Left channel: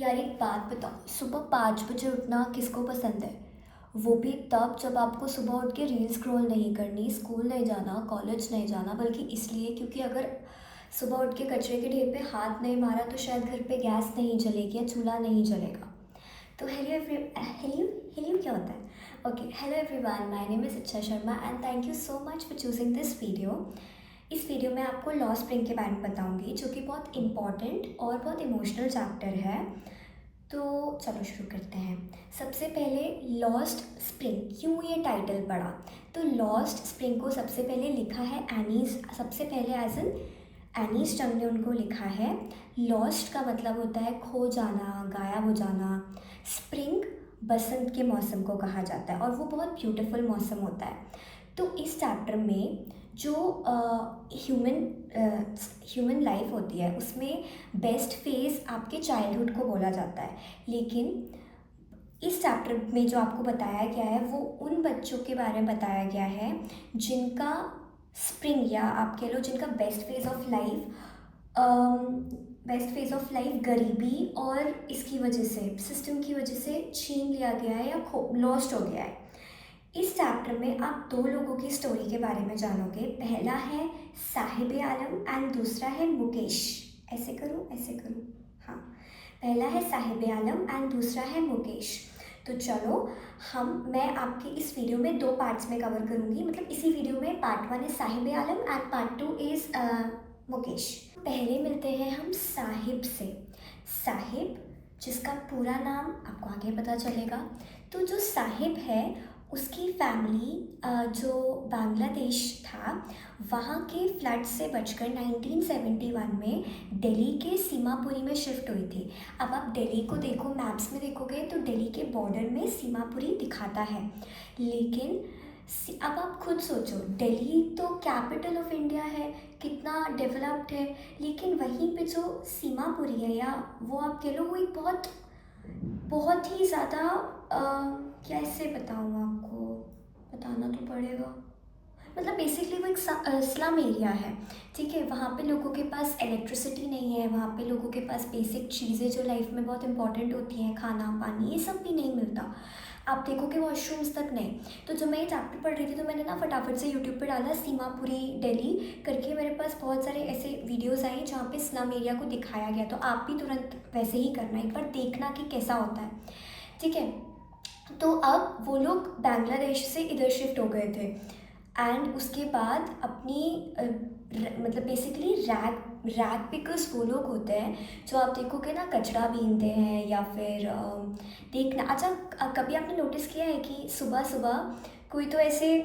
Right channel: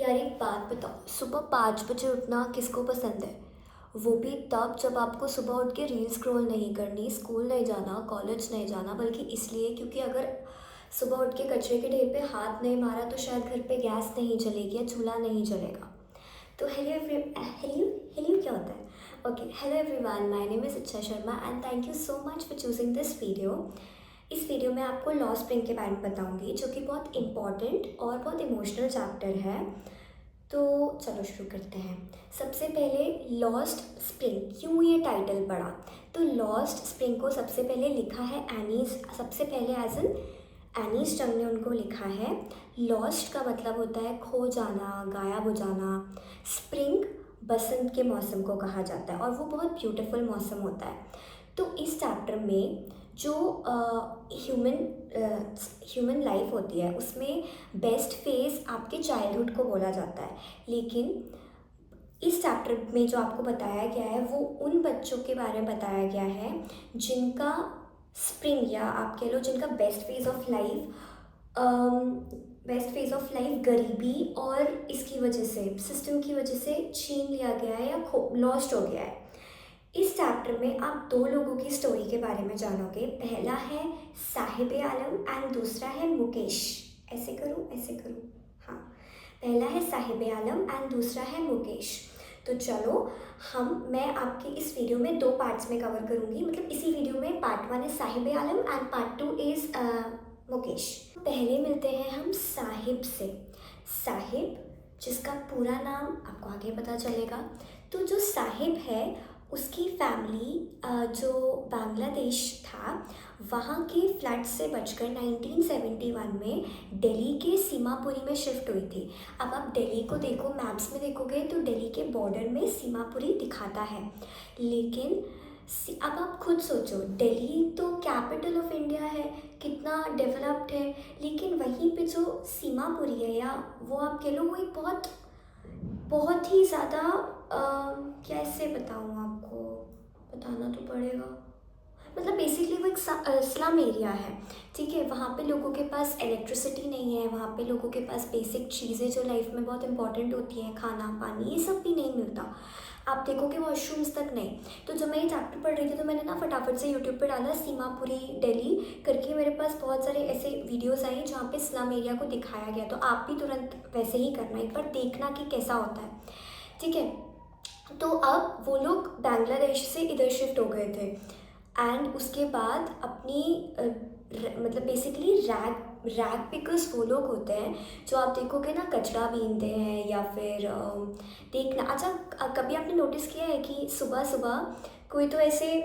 यार एक बात बताओ, सुबह 5 बजे उठना किसको पसंद है? वो भी तब जब आपको सुबह उठ के रील स्क्रॉल नहीं करनी, स्कूल नहीं जाना, कॉलेज नहीं जाना, बल्कि इसलिए क्योंकि अगर सुबह उठ के कचरे के ढेर पे हाथ नहीं मारा तो शायद घर पे गैस नहीं जलेगी या चूल्हा नहीं जलेगा। तो हेलो हेलो क्या होता है? Okay, hello everyone, my name is Iccha Sharma and thank you so much for choosing this video. इस वीडियो में आपको लॉ स्प्रिंग के बारे में बताऊंगी, जो कि बहुत इंपॉर्टेंट और बहुत इमोशनल चैप्टर है। तो चलो शुरू करते हैं। सबसे पहले लॉस्ट स्प्रिंग, क्यों ये टाइटल पड़ा? तो लॉस्ट स्प्रिंग को सबसे पहले लिखा है एनीज, सबसे पहले एज एन एनीज टंग ने उनको लिखा है। लॉस्ट का मतलब होता है खो जाना, गायब हो जाना। स्प्रिंग बसंत के मौसम को कहा जाता है और वो बहुत ब्यूटीफुल मौसम होता है। तो इस चैप्टर में जो ह्यूमन लाइफ होती है उसमें बेस्ट फेज़ आपके चाइल्डहुड को बोला जाता है। लेकिन इस चैप्टर में जो आपको बताया गया है वो उन बच्चों के बारे में बताया गया है जिनका स्प्रिंग, या आप कह लो जिनका बेस्ट फेज ऑफ लाइफ गरीबी और इसकी वजह से, सिस्टम की वजह से छीन लिया गया है या लॉस्ट हो गया है। इस चैप्टर में आप दो लोगों की स्टोरी के बारे में जानोगे। पहला है साहिब आलम एंड दूसरा है मुकेश। ऐसे करूँ ऐसे करूँ, हाँ। पहला है साहिब आलम एंड दूसरा है मुकेश। तो चलो, मैं आपके इस वीडियो में दो पार्ट्स में कवर करूँगी। मतलब इसी वीडियो में पार्ट 1 है साहिब आलम एंड पार्ट 2 इज़ मुकेश। पहले मिलते हैं हम साहिब से। साहिब, जिसका पूरा नाम आपको आगे पता चलेगा। तो जो साहिब है उसकी फैमिली जो बांग्लादेश था वहाँ के फ्लड से बचकर 1971 में दिल्ली के सीमापुरी में शिफ्ट हुई थी। अब आप दिल्ली को देखो, मैप्स में देखोगे तो दिल्ली के बॉर्डर में सीमापुरी दिखाता है। लेकिन अब आप खुद सोचो, दिल्ली तो कैपिटल ऑफ इंडिया है, कितना डेवलप्ड है, लेकिन वहीं पे जो सीमापुरी है, या वो आप कह लो, वो एक बहुत बहुत ही ज़्यादा कैसे बताऊँ आपको, बताना तो पड़ेगा। मतलब बेसिकली वो एक स्लम एरिया है, ठीक है। वहाँ पे लोगों के पास इलेक्ट्रिसिटी नहीं है, वहाँ पे लोगों के पास बेसिक चीज़ें जो लाइफ में बहुत इंपॉर्टेंट होती हैं, खाना पानी, ये सब भी नहीं मिलता। आप देखोगे वॉशरूम्स तक नहीं। तो जब मैं ये चैप्टर पढ़ रही थी तो मैंने ना फटाफट से यूट्यूब पे डाला सीमापुरी दिल्ली करके, मेरे पास बहुत सारे ऐसे वीडियोस आए जहाँ पे स्लम एरिया को दिखाया गया। तो आप भी तुरंत वैसे ही करना, एक बार देखना कि कैसा होता है, ठीक है। तो अब वो लोग बांग्लादेश से इधर शिफ्ट हो गए थे एंड उसके बाद अपनी मतलब बेसिकली रैग पिकर्स वो लोग होते हैं जो आप देखोगे ना कचरा बीनते हैं, या फिर देखना। अच्छा, कभी आपने नोटिस किया है कि सुबह सुबह कोई तो ऐसे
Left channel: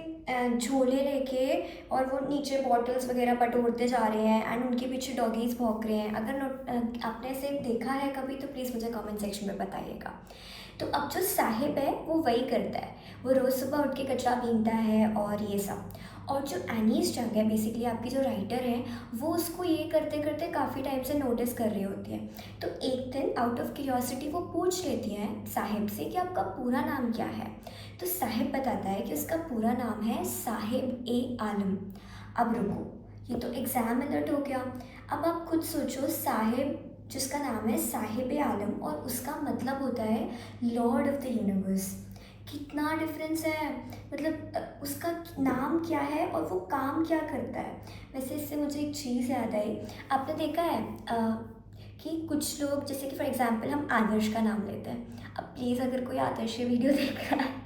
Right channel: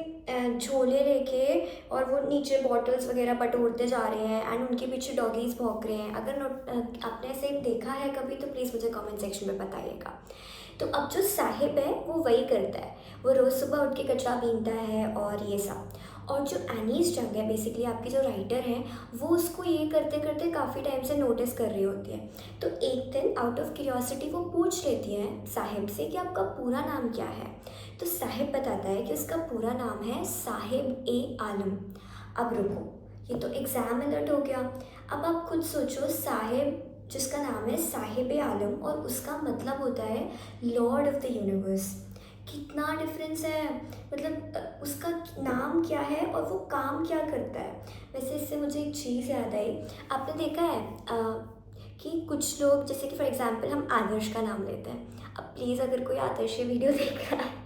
झोले लेके और वो नीचे बॉटल्स वगैरह बटोरते जा रहे हैं एंड उनके पीछे डॉगीज़ भौंक रहे हैं। अगर आपने ऐसे देखा है कभी तो प्लीज़ मुझे कमेंट सेक्शन में बताइएगा। तो अब जो साहिब है वो वही करता है, वो रोज़ सुबह उठ के कचरा बीनता है और ये सब। और जो एनीस जंग है, बेसिकली आपकी जो राइटर हैं, वो उसको ये करते करते काफ़ी टाइम से नोटिस कर रही होती है। तो एक दिन आउट ऑफ क्यूरियोसिटी वो पूछ लेती हैं साहिब से कि आपका पूरा नाम क्या है। तो साहिब बताता है कि उसका पूरा नाम है साहिब ए आलम। अब रुको, ये तो एग्ज़ाम अलर्ट हो गया। अब आप खुद सोचो, साहिब जिसका नाम है साहिब आलम और उसका मतलब होता है लॉर्ड ऑफ द यूनिवर्स। कितना डिफरेंस है, मतलब उसका नाम क्या है और वो काम क्या करता है। वैसे इससे मुझे एक चीज़ याद आई। आपने देखा है कि कुछ लोग, जैसे कि फॉर एग्जांपल हम आदर्श का नाम लेते हैं। अब प्लीज़ अगर कोई आदर्श ये वीडियो देख रहा है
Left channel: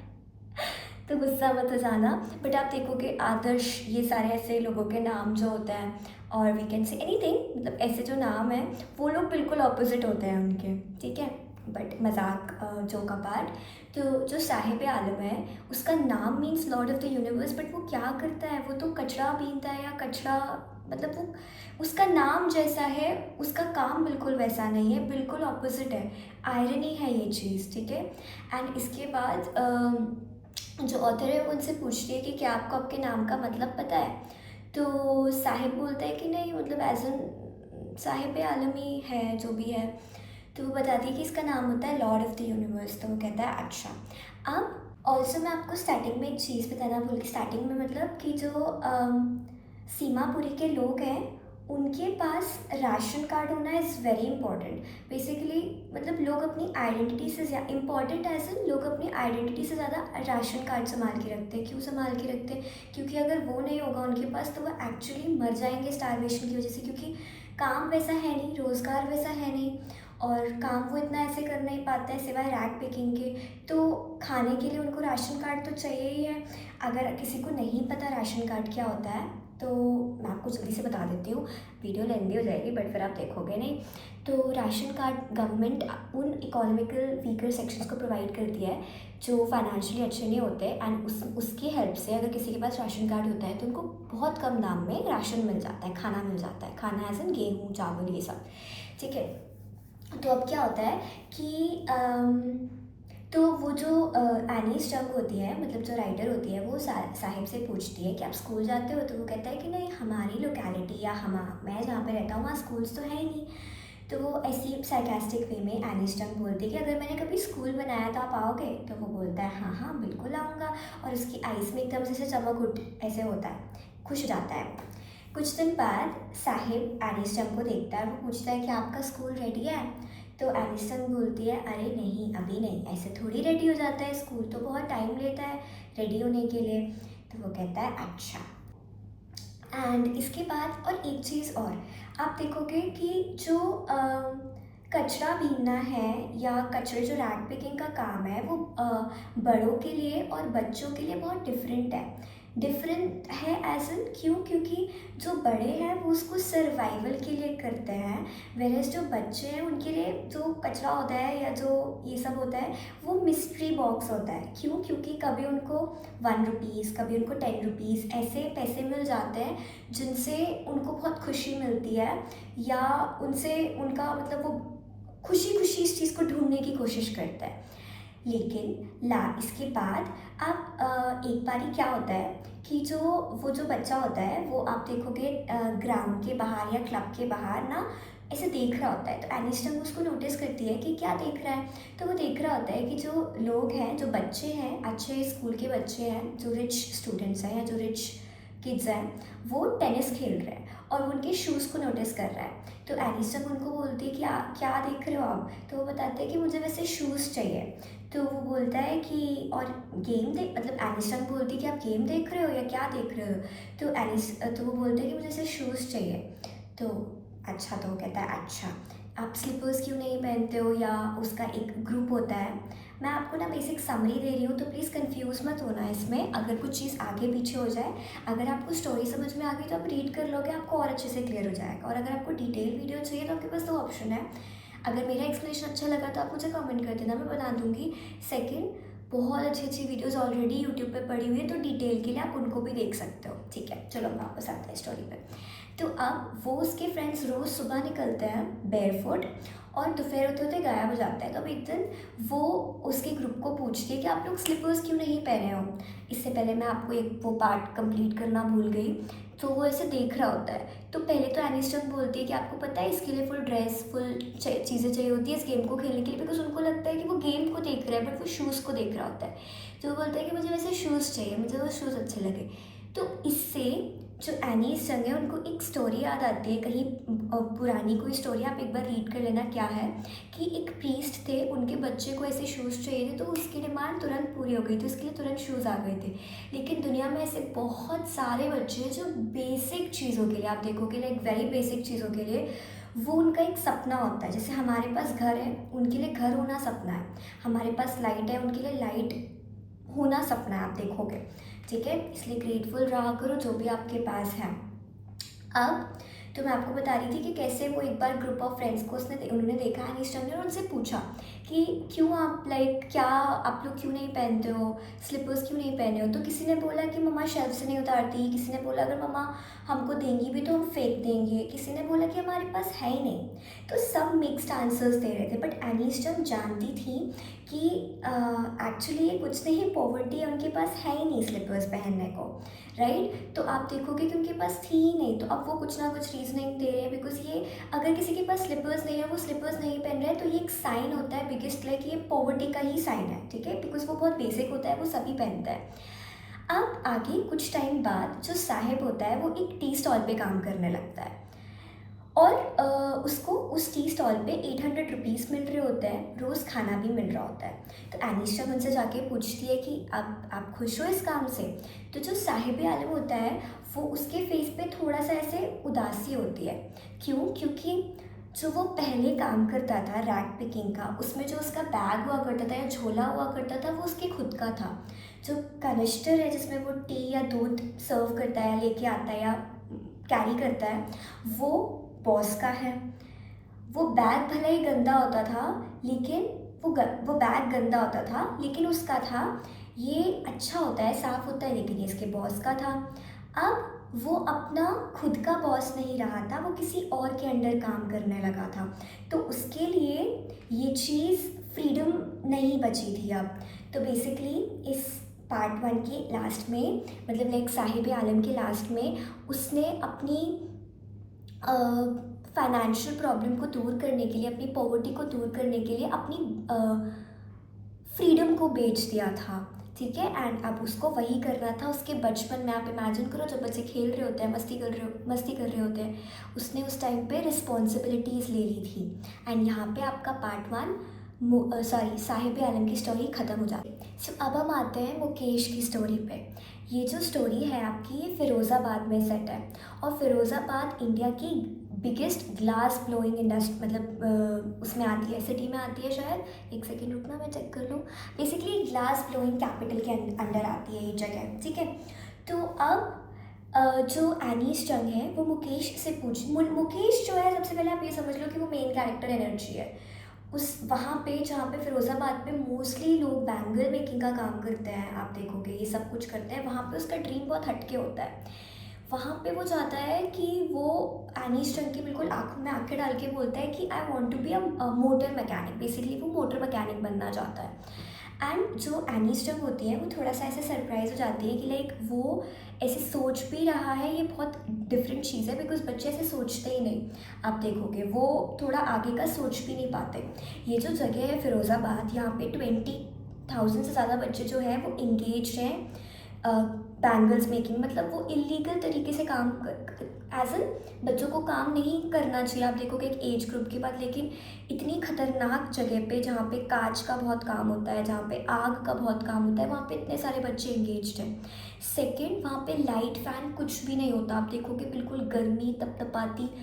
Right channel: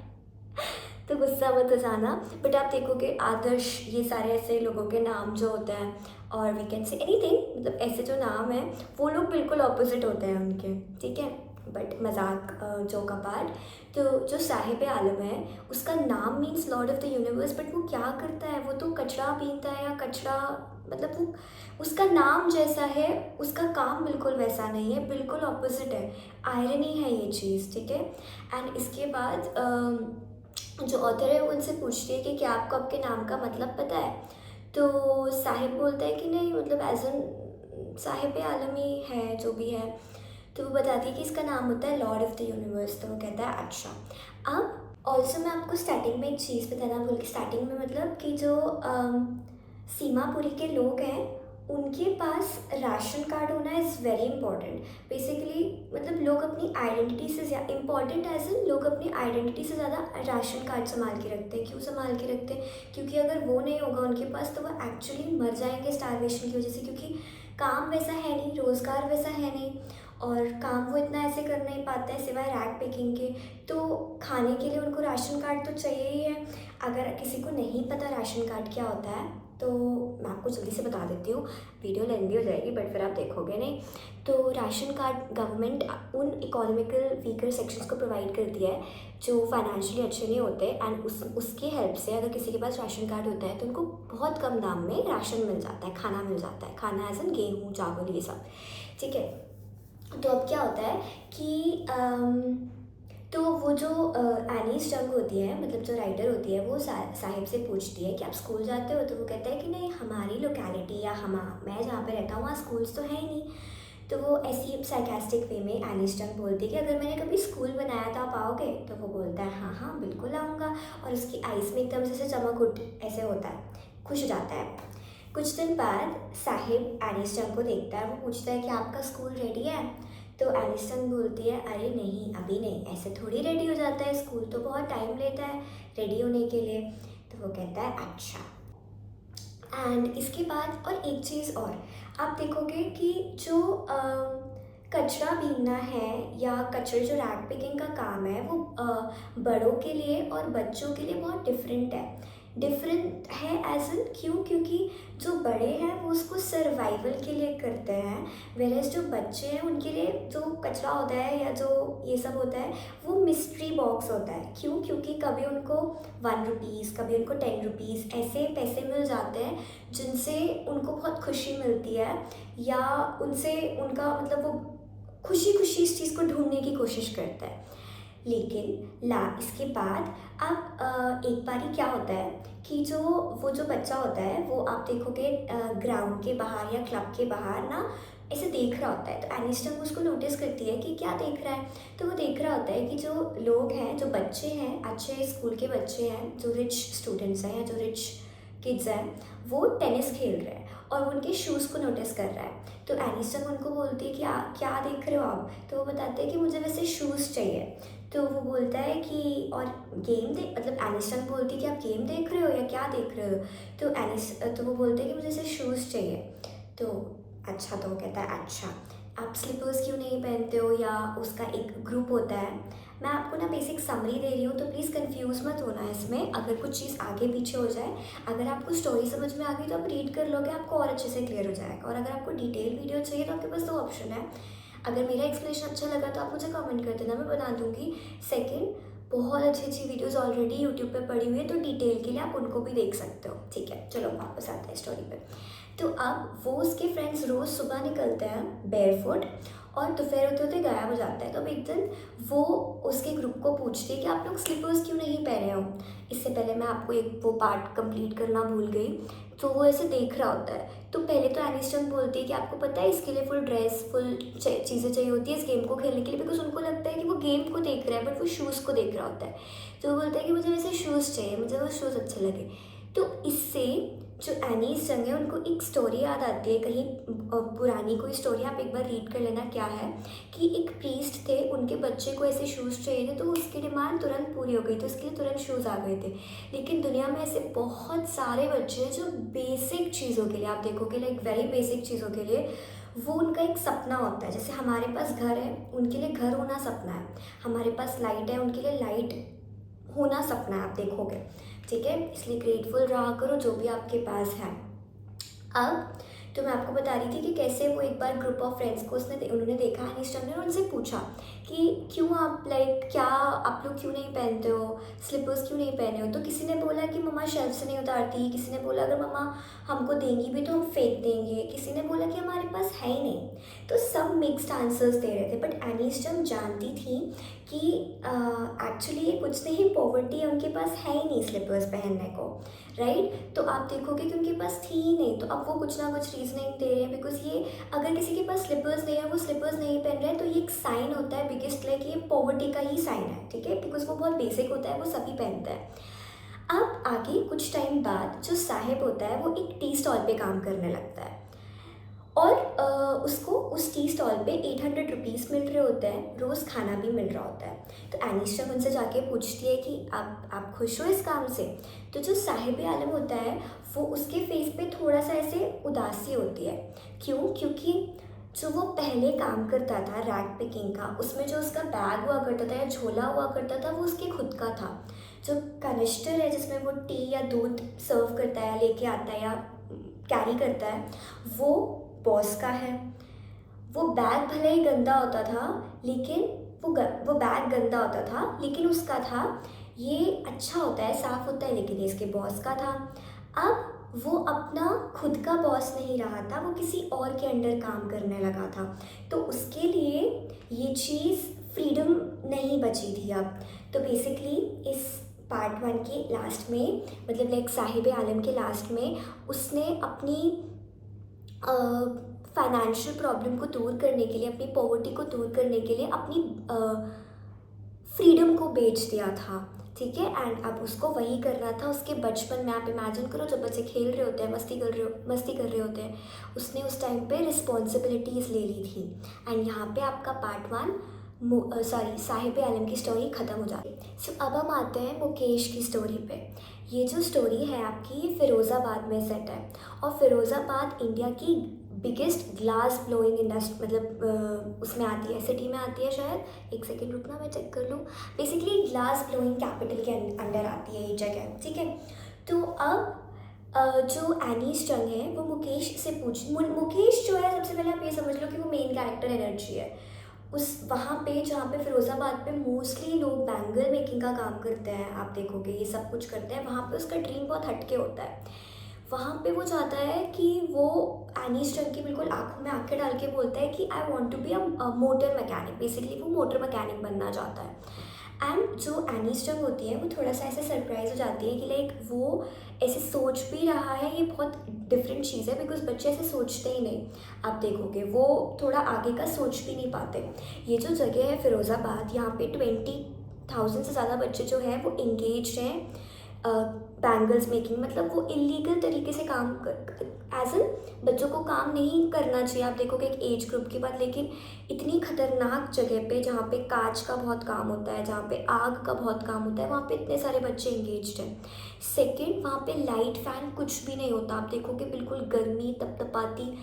तो गुस्सा मत हो जाना, बट आप देखोगे आदर्श, ये सारे ऐसे लोगों के नाम जो होते हैं, और वी कैन से एनीथिंग, मतलब ऐसे जो नाम है वो लोग बिल्कुल ऑपोजिट होते हैं उनके, ठीक है। बट मजाक जोक अपार्ट, तो जो साहिब आलम है उसका नाम means Lord of the universe, but वो क्या करता है? वो तो कचरा बीनता है, या कचरा, मतलब वो उसका नाम जैसा है, उसका काम बिल्कुल वैसा नहीं है, बिल्कुल ऑपोजिट है। आयरनी है ये चीज़, ठीक है। एंड इसके बाद जो ऑथर है वो उनसे पूछती है कि क्या आपको आपके नाम का मतलब पता है? तो साहिब बोलता है कि नहीं, मतलब एज एन साहिब आलम ही है जो भी है। तो वो बताती है कि इसका नाम होता है लॉर्ड ऑफ द यूनिवर्स। तो वो कहता है अच्छा। अब ऑल्सो मैं आपको स्टार्टिंग में एक चीज़ बताना भूल गई। स्टार्टिंग में मतलब कि जो सीमापुरी के लोग हैं उनके पास राशन कार्ड होना इज़ वेरी इंपॉर्टेंट। बेसिकली मतलब लोग अपनी आइडेंटिटी से इम्पॉर्टेंट एज इन लोग अपनी आइडेंटिटी से ज़्यादा राशन कार्ड संभाल के रखते हैं। क्यों संभाल के रखते हैं? क्योंकि अगर वो नहीं होगा उनके पास तो वो एक्चुअली मर जाएंगे स्टारवेशन की वजह से, क्योंकि काम वैसा है नहीं, रोज़गार वैसा है नहीं, और काम वो इतना ऐसे कर नहीं पाता है सिवाय रैक पिकिंग के। तो खाने के लिए उनको राशन कार्ड तो चाहिए ही है। अगर किसी को नहीं पता राशन कार्ड क्या होता है तो मैं आपको जल्दी से बता देती हूँ, वीडियो लेंदी हो जाएगी बट फिर आप देखोगे नहीं। तो राशन कार्ड गवर्नमेंट उन इकोनॉमिकल वीकर सेक्शंस को प्रोवाइड करती है जो फाइनेंशियली अच्छे नहीं होते, एंड उसकी हेल्प से अगर किसी के पास राशन कार्ड होता है तो उनको बहुत कम दाम में राशन मिल जाता है, खाना मिल जाता है। खाना एज इन गेहूँ चावल ये सब, ठीक है। तो अब क्या होता है कि तो वो जो एनी स्टंग होती है, मतलब जो राइटर होती है, वो साहिब से पूछती है कि आप स्कूल जाते हो? तो वो कहता है कि नहीं, हमारी लोकेलिटी या मैं जहाँ पे रहता हूँ वहाँ स्कूल्स तो है ही नहीं। तो वो ऐसी सार्कास्टिक वे में एनी स्टंग बोलती है कि अगर मैंने कभी स्कूल बनाया तो आप आओगे? तो वो बोलता है हाँ हाँ बिल्कुल आऊँगा, और उसकी आइस में एकदम से चमक उठ ऐसे होता है, खुश हो जाता है। कुछ दिन बाद साहिब एनी स्टंग को देखता है, वो पूछता है कि आपका स्कूल रेडी है? तो एलिसन बोलती है अरे नहीं अभी नहीं, ऐसे थोड़ी रेडी हो जाता है, स्कूल तो बहुत टाइम लेता है रेडी होने के लिए। तो वो कहता है अच्छा। एंड इसके बाद और एक चीज़ और, आप देखोगे कि जो कचरा बीनना है या कचरे जो रैक पिकिंग का काम है वो बड़ों के लिए और बच्चों के लिए बहुत डिफरेंट है एज इन क्यों? क्योंकि जो बड़े हैं वो उसको सर्वाइवल के लिए करते हैं, वेरएज जो बच्चे हैं उनके लिए जो कचरा होता है या जो ये सब होता है वो मिस्ट्री बॉक्स होता है। क्यों? क्योंकि कभी उनको 1 रुपीज़, कभी उनको 10 रुपीज़ ऐसे पैसे मिल जाते हैं जिनसे उनको बहुत खुशी मिलती है, या उनसे उनका मतलब वो खुशी खुशी इस चीज़ को ढूंढने की कोशिश करता है। लेकिन इसके बाद अब एक बारी क्या होता है कि वो जो बच्चा होता है वो आप देखोगे ग्राउंड के बाहर या क्लब के बाहर ना ऐसे देख रहा होता है। तो एनिस्टम उसको नोटिस करती है कि क्या देख रहा है। तो वो देख रहा होता है कि जो लोग हैं, जो बच्चे हैं, अच्छे स्कूल के बच्चे हैं, जो रिच स्टूडेंट्स हैं या जो रिच किड्स हैं, वो टेनिस खेल रहे हैं और वो उनके शूज़ को नोटिस कर रहा है। तो एनिस्टम उनको बोलती है कि क्या देख रहे हो आप? तो वो बताते हैं कि मुझे वैसे शूज़ चाहिए। तो वो बोलता है कि और गेम देख, मतलब एनिस्टन बोलती है कि आप गेम देख रहे हो या क्या देख रहे हो? तो वो बोलते हैं कि मुझे ऐसे शूज़ चाहिए। तो अच्छा, तो वो कहता है अच्छा आप स्लीपर्स क्यों नहीं पहनते हो? या उसका एक ग्रुप होता है। मैं आपको ना बेसिक समरी दे रही हूँ तो प्लीज़ कंफ्यूज मत होना इसमें, अगर कुछ चीज़ आगे पीछे हो जाए। अगर आपको स्टोरी समझ में आ गई तो आप रीड कर लोगे, आपको और अच्छे से क्लियर हो जाएगा। और अगर आपको डिटेल वीडियो चाहिए तो आपके पास 2 ऑप्शन है। अगर मेरा एक्सप्लेनेशन अच्छा लगा तो आप मुझे कमेंट कर देना, मैं बना दूँगी। सेकंड, बहुत अच्छी अच्छी वीडियोस ऑलरेडी यूट्यूब पे पड़ी हुई है, तो डिटेल के लिए आप उनको भी देख सकते हो। ठीक है, चलो वापस आते हैं स्टोरी पे। तो अब वो उसके फ्रेंड्स रोज़ सुबह निकलते हैं बेयरफुट और दोपहर होते होते गायब हो जाता है। तो अब एक दिन वो उसके ग्रुप को पूछती है कि आप लोग स्लीपर्स क्यों नहीं पहने हो? इससे पहले मैं आपको एक वो पार्ट कंप्लीट करना भूल गई। तो वो ऐसे देख रहा होता है। तो पहले तो एनिस्टन बोलती है कि आपको पता है इसके लिए फुल ड्रेस, फुल चीज़ें चाहिए होती है इस गेम को खेलने के लिए, बिकॉज उनको लगता है कि वो गेम को देख रहा है बट वो शूज़ को देख रहा होता है। तो वो बोलता है कि मुझे वैसे शूज़ चाहिए, मुझे वो शूज़ अच्छे लगे। तो इससे जो एनीस जंग है उनको एक स्टोरी याद आती है, कहीं पुरानी कोई स्टोरी, आप एक बार रीड कर लेना क्या है। कि एक प्रीस्ट थे, उनके बच्चे को ऐसे शूज़ चाहिए थे तो उसकी डिमांड तुरंत पूरी हो गई थी, उसके लिए तुरंत शूज़ आ गए थे। लेकिन दुनिया में ऐसे बहुत सारे बच्चे हैं जो बेसिक चीज़ों के लिए, आप देखोगे लाइक वेरी बेसिक चीज़ों के लिए वो उनका एक सपना होता है। जैसे हमारे पास घर है, उनके लिए घर होना सपना है। हमारे पास लाइट है, उनके लिए लाइट होना सपना है, आप देखोगे। ठीक है, इसलिए ग्रेटफुल रहा करो जो भी आपके पास है। अब तो मैं आपको बता रही थी कि कैसे वो एक बार ग्रुप ऑफ फ्रेंड्स को उन्होंने देखा एनिस्टन ने, और उनसे पूछा कि क्यों आप क्या आप लोग क्यों नहीं पहनते हो, स्लीपर्स क्यों नहीं पहने हो? तो किसी ने बोला कि मम्मा शेल्फ से नहीं उतारती, किसी ने बोला अगर मम्मा हमको देंगी भी तो हम फेंक देंगे, किसी ने बोला कि हमारे पास है ही नहीं। तो सब मिक्स्ड आंसर्स दे रहे थे, बट एनिस्टन जानती थी कि एक्चुअली ये कुछ नहीं, पॉवर्टी है, उनके पास है ही नहीं स्लीपर्स पहनने को, राइट। तो आप देखोगे कि उनके पास थी ही नहीं, तो अब वो कुछ ना कुछ रीजनिंग दे रहे हैं, बिकॉज ये अगर किसी के पास स्लीपर्स नहीं है, वो स्लीपर्स नहीं पहन रहे हैं, तो ये एक साइन होता है बिगेस्ट, लाइक ये पॉवर्टी का ही साइन है, ठीक है, बिकॉज वो बहुत बेसिक होता है, वो सभी पहनता है। अब आगे कुछ टाइम बाद जो साहिब होता है वो एक टी स्टॉल पे काम करने लगता है। और उसको उस टी स्टॉल पे 800 रुपीज़ मिल रहे होते हैं, रोज़ खाना भी मिल रहा होता है। तो एनिस्टा उनसे जाके पूछती है कि आप खुश हो इस काम से? तो जो साहिब आलम होता है वो उसके फेस पे थोड़ा सा ऐसे उदासी होती है। क्यों? क्योंकि जो वो पहले काम करता था रैग पिकिंग का, उसमें जो उसका बैग हुआ करता था या झोला हुआ करता था वो उसके खुद का था। जो कनिस्टर है जिसमें वो टी या दूध सर्व करता है या लेके आता है या कैरी करता है, वो बॉस का है। वो बैग भले ही गंदा होता था लेकिन वो बैग गंदा होता था लेकिन उसका था। ये अच्छा होता है, साफ़ होता है, लेकिन ये इसके बॉस का था। अब वो अपना खुद का बॉस नहीं रहा था, वो किसी और के अंडर काम करने लगा था। तो उसके लिए ये चीज़ फ्रीडम नहीं बची थी अब। तो बेसिकली इस पार्ट 1 के लास्ट में, मतलब लाइक साहिब आलम के लास्ट में, उसने अपनी फाइनेंशियल प्रॉब्लम को दूर करने के लिए, अपनी पॉवर्टी को दूर करने के लिए अपनी फ्रीडम को बेच दिया था। ठीक है, एंड अब उसको वही करना था। उसके बचपन में आप इमेजिन करो, जब बच्चे खेल रहे होते हैं, मस्ती कर रहे होते हैं, उसने उस टाइम पे रिस्पॉन्सिबिलिटीज़ ले ली थी। एंड यहाँ पे आपका पार्ट 1 साहिब आलम की स्टोरी ख़त्म हो जाती है। सो अब हम आते हैं मुकेश की स्टोरी पे। ये जो स्टोरी है आपकी, ये फ़िरोज़ाबाद में सेट है। और फ़िरोज़ाबाद इंडिया की बिगेस्ट ग्लास ब्लोइंग इंडस्ट्री, मतलब उसमें आती है, सिटी में आती है शायद। एक सेकेंड रुकना, मैं चेक कर लूँ। बेसिकली ग्लास ब्लोइंग कैपिटल के अंडर आती है ये जगह। ठीक है, तो अब जो एनीस चंग है वो मुकेश से मुकेश जो है, सबसे पहले आप ये समझ लो कि वो मेन कैरेक्टर एनर्जी है। उस वहाँ पे जहाँ पे फ़िरोज़ाबाद पे मोस्टली लोग बैंगल मेकिंग का काम करते हैं, आप देखोगे ये सब कुछ करते हैं, वहाँ पे उसका ड्रीम बहुत हटके होता है। वहाँ पे वो चाहता है कि वो एनीस चंग की बिल्कुल आँखों में आँखें डाल के बोलता है कि I want to be a motor mechanic. Basically वो मोटर मैकेनिक बनना चाहता है। एंड जो एनीस चंग होती है वो थोड़ा सा ऐसे सरप्राइज हो जाती है कि लाइक वो ऐसे सोच भी रहा है, ये बहुत डिफरेंट चीज़ है, बिकॉज बच्चे ऐसे सोचते ही नहीं। आप देखोगे वो थोड़ा आगे का सोच भी नहीं पाते। ये जो जगह है फ़िरोज़ाबाद, यहाँ पे 20,000 से ज़्यादा बच्चे जो हैं वो इंगेज हैं बैंगल्स मेकिंग। मतलब वो इलीगल तरीके से काम एज एन बच्चों को काम नहीं करना चाहिए, आप देखोगे एक एज ग्रुप के बाद। लेकिन इतनी खतरनाक जगह पे जहाँ पे कांच का बहुत काम होता है, जहाँ पे आग का बहुत काम होता है, वहाँ पे इतने सारे बच्चे इंगेज्ड हैं। सेकंड, वहाँ पे लाइट फैन कुछ भी नहीं होता, आप देखोगे बिल्कुल गर्मी तपतपाती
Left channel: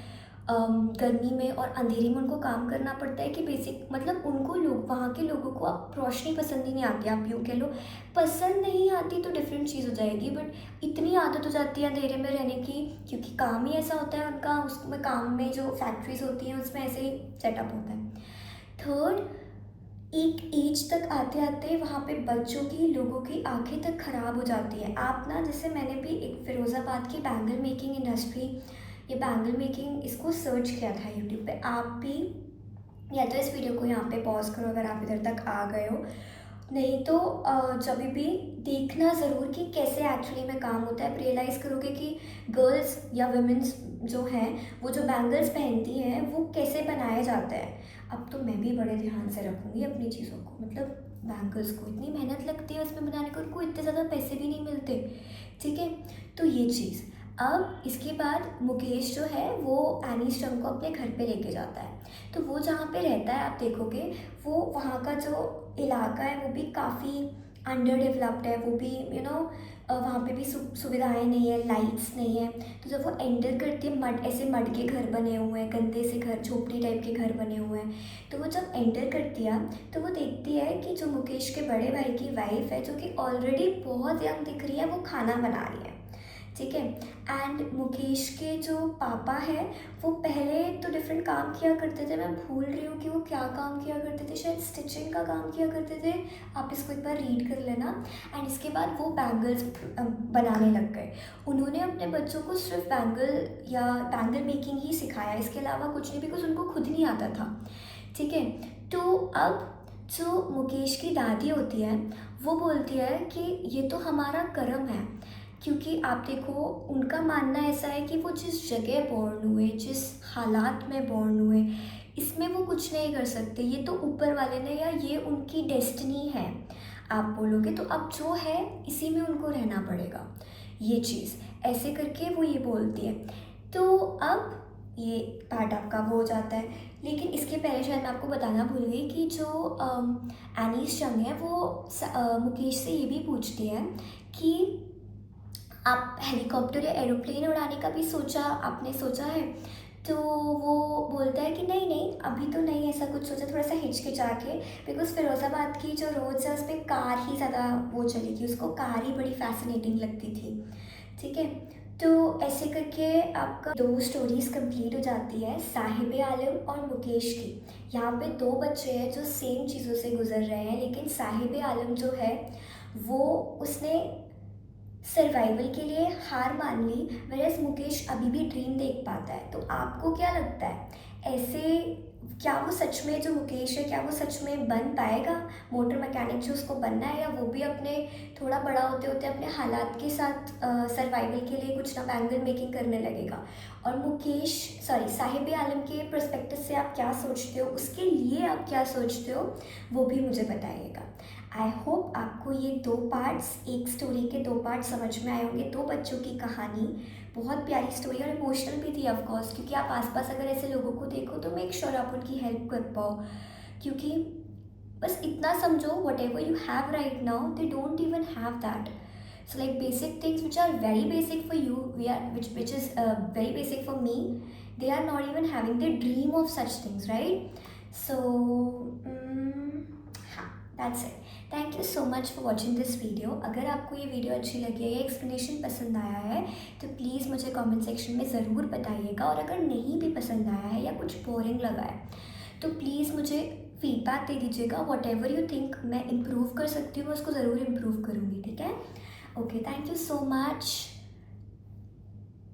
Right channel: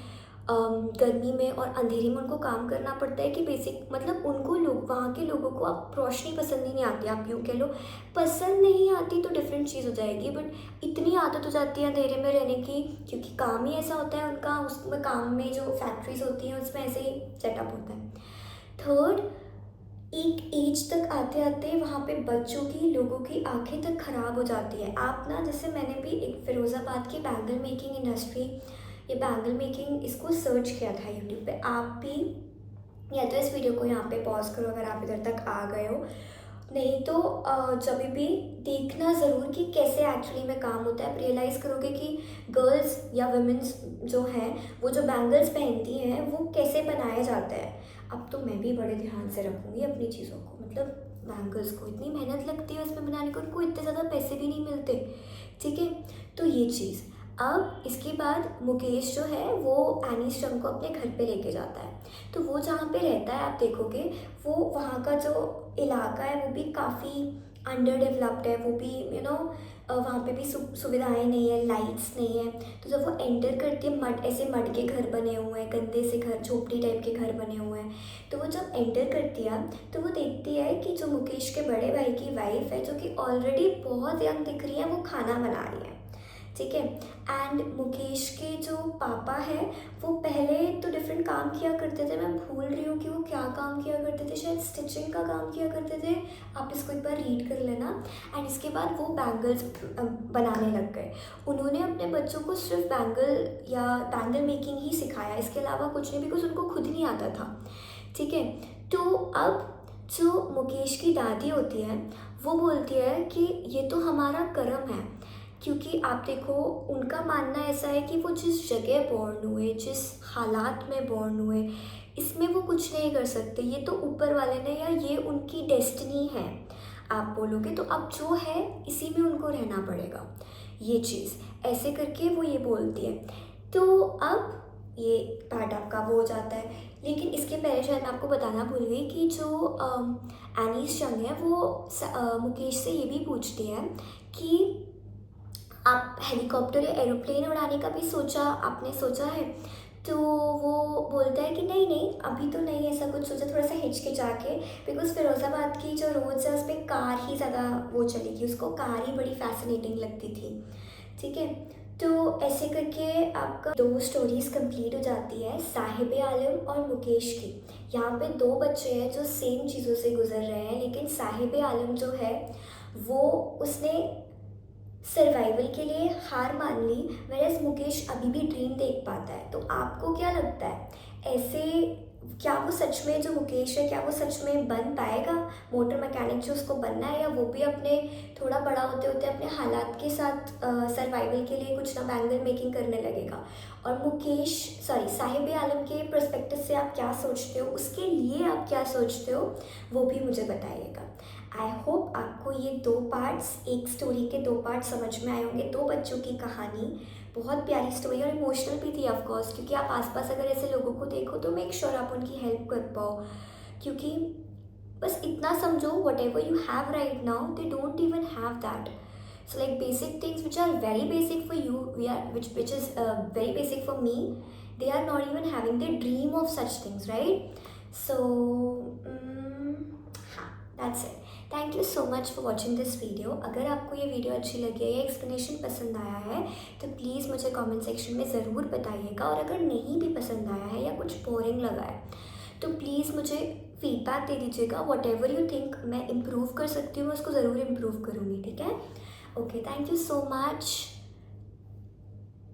गर्मी में और अंधेरे में उनको काम करना पड़ता है। कि बेसिक मतलब उनको लोग, वहाँ के लोगों को अब रोशनी पसंद ही नहीं आती, आप यूँ कह लो। पसंद नहीं आती तो डिफरेंट चीज़ हो जाएगी, बट इतनी आदत हो जाती है अंधेरे में रहने की, क्योंकि काम ही ऐसा होता है उनका। उसमें काम में जो फैक्ट्रीज होती हैं उसमें ऐसे ही सेटअप होता है। थर्ड, एक एज तक आते आते वहाँ पे बच्चों की, लोगों की आंखें तक ख़राब हो जाती है। आप ना, जैसे मैंने भी एक फ़िरोज़ाबाद की बैंगल मेकिंग इंडस्ट्री, ये बैंगल मेकिंग, इसको सर्च किया था यूट्यूब पे। आप भी या तो इस वीडियो को यहाँ पे पॉज करो अगर आप इधर तक आ गए हो, नहीं तो जब भी देखना ज़रूर कि कैसे एक्चुअली में काम होता है। आप रियलाइज़ करोगे कि गर्ल्स या वुमेन्स जो हैं, वो जो बैंगल्स पहनती हैं वो कैसे बनाए जाते हैं। अब तो मैं भी बड़े ध्यान से रखूँगी अपनी चीज़ों को, मतलब बैंगल्स को इतनी मेहनत लगती है उसमें बनाने को, उनको इतने ज़्यादा पैसे भी नहीं मिलते। ठीक है, तो ये चीज़। अब इसके बाद मुकेश जो है वो एनीस चंग को अपने घर पे लेके जाता है। तो वो जहाँ पे रहता है, आप देखोगे वो वहाँ का जो इलाका है वो भी काफ़ी अंडर डेवलप्ड है। वो भी वहाँ पे भी सुविधाएं नहीं है, लाइट्स नहीं है। तो जब वो एंटर करती है, ऐसे मड के घर बने हुए हैं, गंदे से घर, झोपड़ी टाइप के घर बने हुए हैं। तो वो जब एंटर करती है तो वो देखती है कि जो मुकेश के बड़े भाई की वाइफ है, जो कि ऑलरेडी बहुत यंग दिख रही है, वो खाना बना रही है। ठीक है, एंड मुकेश के जो पापा हैं वो पहले तो डिफरेंट काम किया करते थे। मैं भूल रही हूँ कि वो क्या काम किया करते थे, शायद स्टिचिंग का काम किया करते थे। आप इसको एक बार रीड कर लेना। एंड इसके बाद वो बैंगल्स बनाने लग गए। उन्होंने अपने बच्चों को सिर्फ बैंगल मेकिंग ही सिखाया, इसके अलावा कुछ नहीं, बिकॉज उनको खुद नहीं आता था। ठीक है, तो अब जो मुकेश की दादी होती है वो बोलती है कि ये तो हमारा कर्म है, क्योंकि आप देखो उनका मानना ऐसा है कि वो जिस जगह बॉर्न हुए, जिस हालात में बॉर्न हुए, इसमें वो कुछ नहीं कर सकते। ये तो ऊपर वाले ने, या ये उनकी डेस्टिनी है आप बोलोगे तो। अब जो है इसी में उनको रहना पड़ेगा, ये चीज़ ऐसे करके वो ये बोलती है। तो अब ये पार्ट आपका वो हो जाता है। लेकिन इसके पहले शायद मैं आपको बताना भूल गई कि जो एनीस चंग है वो मुकेश से ये भी पूछती है कि आप हेलीकॉप्टर या एरोप्लेन उड़ाने का भी आपने सोचा है? तो वो बोलता है कि नहीं नहीं, अभी तो नहीं ऐसा कुछ सोचा, थोड़ा सा हिचकिचा के, बिकॉज फिरोज़ाबाद की जो रोड्स है उस पर कार ही ज़्यादा वो चलेगी, उसको कार ही बड़ी फैसिनेटिंग लगती थी। ठीक है, तो ऐसे करके आपका 2 स्टोरीज़ कंप्लीट हो जाती है, साहिब आलम और मुकेश की। यहाँ पे 2 बच्चे हैं जो सेम चीज़ों से गुजर रहे हैं, लेकिन साहिब आलम जो है वो उसने सर्वाइवल के लिए हार मान ली, वेरएज़ मुकेश अभी भी ड्रीम देख पाता है। तो आपको क्या लगता है, ऐसे क्या वो सच में, जो मुकेश है क्या वो सच में बन पाएगा मोटर मैकेनिक जो उसको बनना है, या वो भी अपने थोड़ा बड़ा होते होते अपने हालात के साथ सर्वाइवल के लिए कुछ ना बैंगल मेकिंग करने लगेगा? और साहिब आलम के पर्सपेक्टिव से आप क्या सोचते हो, उसके लिए आप क्या सोचते हो, वो भी मुझे बताइएगा। आई होप आपको ये 2 पार्ट्स, एक स्टोरी के 2 पार्ट समझ में आए होंगे। 2 बच्चों की कहानी, बहुत प्यारी स्टोरी और इमोशनल भी थी ऑफ कोर्स, क्योंकि आप आसपास अगर ऐसे लोगों को देखो तो मेक श्योर आप उनकी हेल्प कर पाओ। क्योंकि बस इतना समझो, what ever you have right now they don't even have that. So like basic things which are very basic for you, which is very basic for me, they are not even having the dream of such things, right? So हाँ, that's it. Thank you so much for watching this video. अगर आपको ये video अच्छी लगी है या explanation पसंद आया है तो प्लीज़ मुझे कमेंट सेक्शन में ज़रूर बताइएगा, और अगर नहीं भी पसंद आया है या कुछ बोरिंग लगा है तो प्लीज़ मुझे फीडबैक दे दीजिएगा। वॉट एवर यू थिंक मैं इम्प्रूव कर सकती हूँ, मैं उसको ज़रूर इम्प्रूव करूँगी, ठीक है? Okay, thank you so much.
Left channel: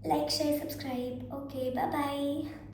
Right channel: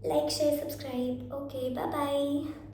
Like share subscribe. Okay, bye bye.